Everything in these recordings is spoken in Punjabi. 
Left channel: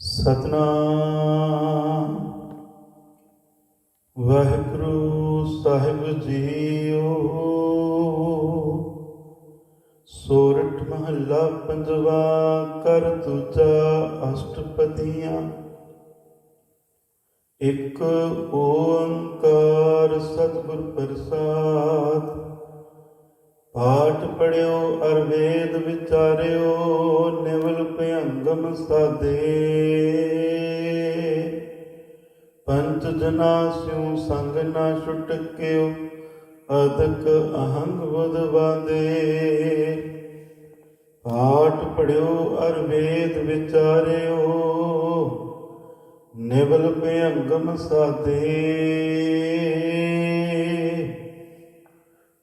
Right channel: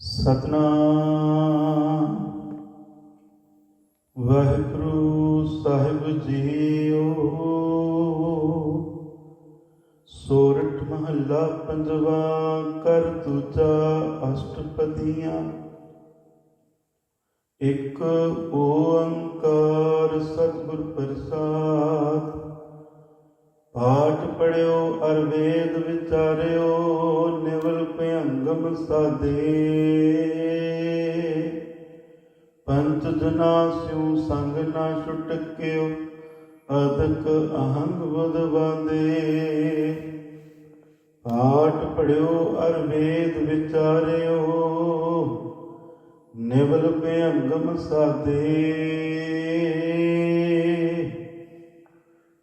ਸਤਨਾਮ। ਵਾਹਿਗੁਰੂ ਸਾਹਿਬ ਜੀਓ। ਸੋਰਠ ਮਹੱਲਾ ਪੰਜਵਾ ਕਰ ਦੂਜਾ, ਅਸ਼ਟਪਦੀਆਂ। ਇੱਕ ਓੰਕਾਰ ਸਤਿਗੁਰ ਪ੍ਰਸਾਦ। ਪਾਠ ਪੜਿਓ ਅਰ ਵੇਦ ਵਿਚਾਰਿਓ, ਨਿਵਲ ਭਯੰਗਮ ਸਾਦੇ। ਪੰਚ ਜਨਾ ਸਿਉ ਸੰਗ ਨਾ ਛੁਟਕਿਓ ਅਦਕ ਅਹੰਗ ਬੁਧ ਬਾਂਦੇ। ਪਾਠ ਪੜਿਓ ਅਰ ਵੇਦ ਵਿਚਾਰਿਓ, ਨਿਵਲ ਭਯੰਗਮ ਸਾਦੇ।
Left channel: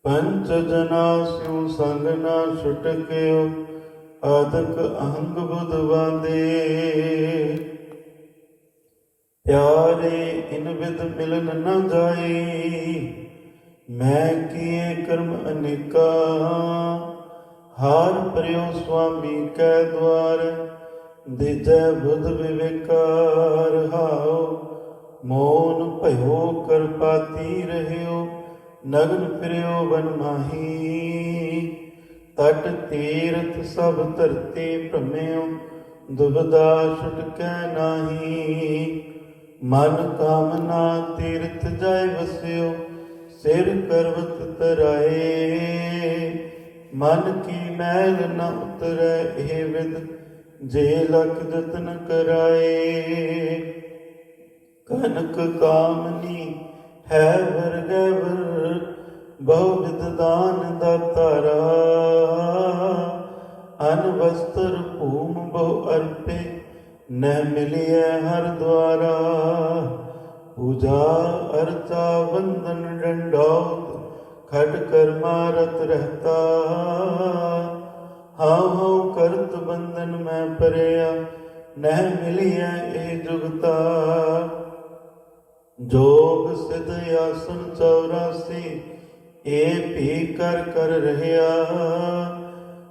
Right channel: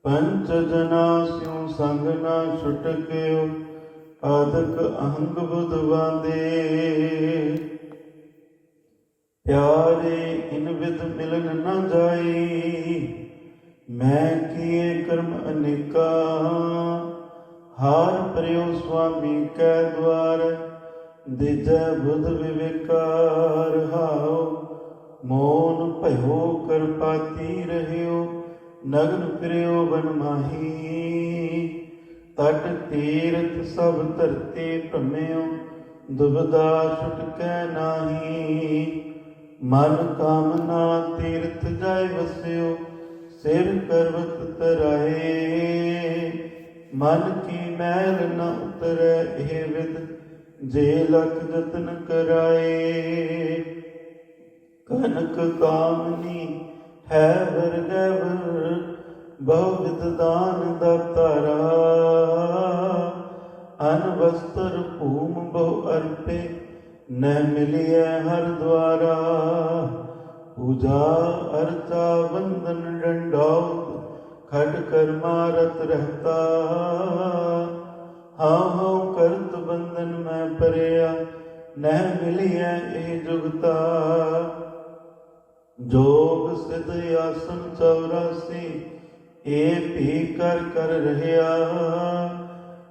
ਪੰਚ ਜਨਾ ਸਿਉ ਸੰਗ ਨਾ ਛੁਟਕਿਓ ਆਦਕ ਅਹੰਗ ਬੁਧ ਬਾਂਦੇ। ਇਨ ਵਿਦ ਮਿਲਨ ਨ ਜਾਈ ਮੈਂ ਕੀਏ ਕਰਮ ਅਨੇਕਾ। ਹਾਰ ਪਰਿਓ ਸੁਆਮੀ ਕੈ ਦਵਾਰ, ਦਿਜੈ ਬੁਧ ਵਿਵੇਕਾਰ। ਹਾਉ ਮੋਨ ਭਇਓ ਕਰਪਾਤੀ ਰਹਿਓ ਨਗਨ ਫਿਰਿਓ ਬਨ ਮਾਹੀ। ਤਟ ਤੀਰਥ ਸਭ ਧਰਤੀ ਭ੍ਰਮਿਓ, ਦੁਬਦਾ ਛੁਟਕੈ ਨਾਹੀ। ਮਨ ਕਾਮਨਾ ਤੀਰਥ ਜਾਇ ਵਸਿਓ, ਸਿਰ ਕਰਵਤ ਤਰਾਏ। ਮਨ ਕੀ ਮੈਲ ਨ ਉਤਰੈ ਇਹ ਵਿਦ, ਜੇ ਲਖ ਜਤਨ ਕਰਾਏ। ਕਨਕ ਕਾਮਨੀ ਹੈ ਵਰਗਵਰ ਬਹੁ ਵਿਦ ਦਾਨ ਦਾਤਾਰਾ ਅਨ ਵਸਤਰ ਭੂਮ ਬਹੁ ਅਰਪੇ ਨ ਮਿਲਿਐ ਹਰ ਦਵਾਰਾ ਪੂਜਾ ਅਰਚਾ ਵੰਦਨ ਡੰਡੌਤ ਖਟ ਕਰ ਮਾਰਤ ਰਹਤਾ ਹਾਂ ਕਰਤ ਬੰਧਨ ਮੈਂ ਪਰਿਆ ਨਹਿ ਮਿਲਿਐ ਇਹ ਜੁਗਤਾ ਜੋਗ ਸਿਧ ਆਸਨ 84 ਏ ਭੀ ਕਰ ਕਰ ਰਹਿਆ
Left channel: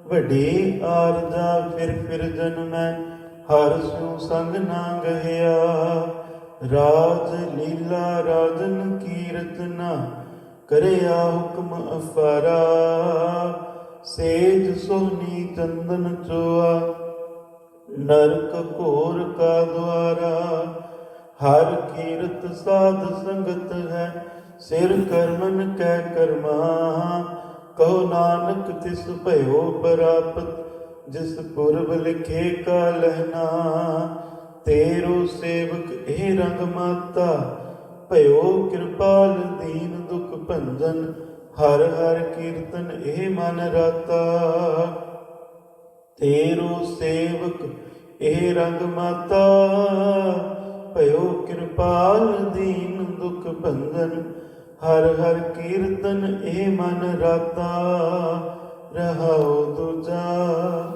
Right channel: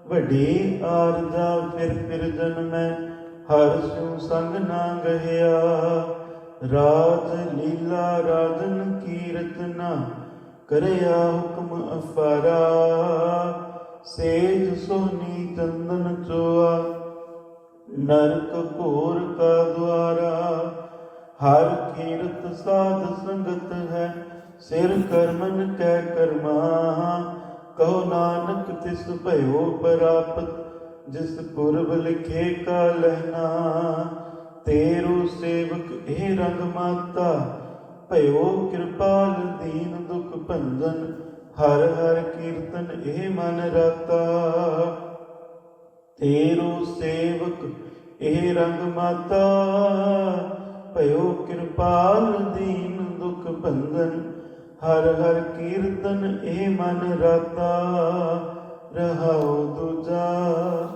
ਵੱਡੀ ਆਰਜਾ ਫਿਰ ਫਿਰ ਜਨਮੈ ਹਰ ਸਿਉ ਸੰਗ ਨਾ ਗਹਿਆ, ਰਾਜ ਲੀਲਾ ਰਾਜਨ ਕੀ ਰਚਨਾ ਕਰਿਆ ਹੁਕਮ ਅਫਾਰਾ। ਸੇਜ ਸੋਨੀ ਚੰਦਨ ਚੋਆ, ਨਰਕ ਘੋਰ ਕਾ ਦੁਆਰਾ। ਹਰ ਕੀਰਤ ਸਾਧ ਸੰਗਤ ਹੈ, ਸਿਰ ਕਰਮਨ ਕੈ ਕਰਮਾ। ਕਹੋ ਨਾਨਕ ਤਿਸ ਭਇਓ ਪ੍ਰਾਪਤ ਜਿਸ ਪੁਰਬ ਲਿਖੇ ਕਾ ਲਹਿਨਾ ਤੇਰੂ ਸੇਵਕ ਇਹ ਰੰਗ ਮਾਤਾ, ਭਇਓ ਕਿਰਪਾਲ ਦੀਨ ਦੁਖ ਭੰਜਨ, ਹਰ ਹਰ ਕੀਰਤਨ ਇਹ ਮਨ ਰਤਾ। ਤੇਰੂ ਸੇਵਕ ਇਹ ਰੰਗ ਮਾਤਾ, ਭਇਓ ਕਿਰਪਾਲ ਦੀਨ ਦੁਖ ਭੰਜਨ, ਹਰ ਹਰ ਕੀਰਤਨ ਇਹ ਮਨ ਰਾਤਾ। ਰਹਾਉ ਦੂਜਾ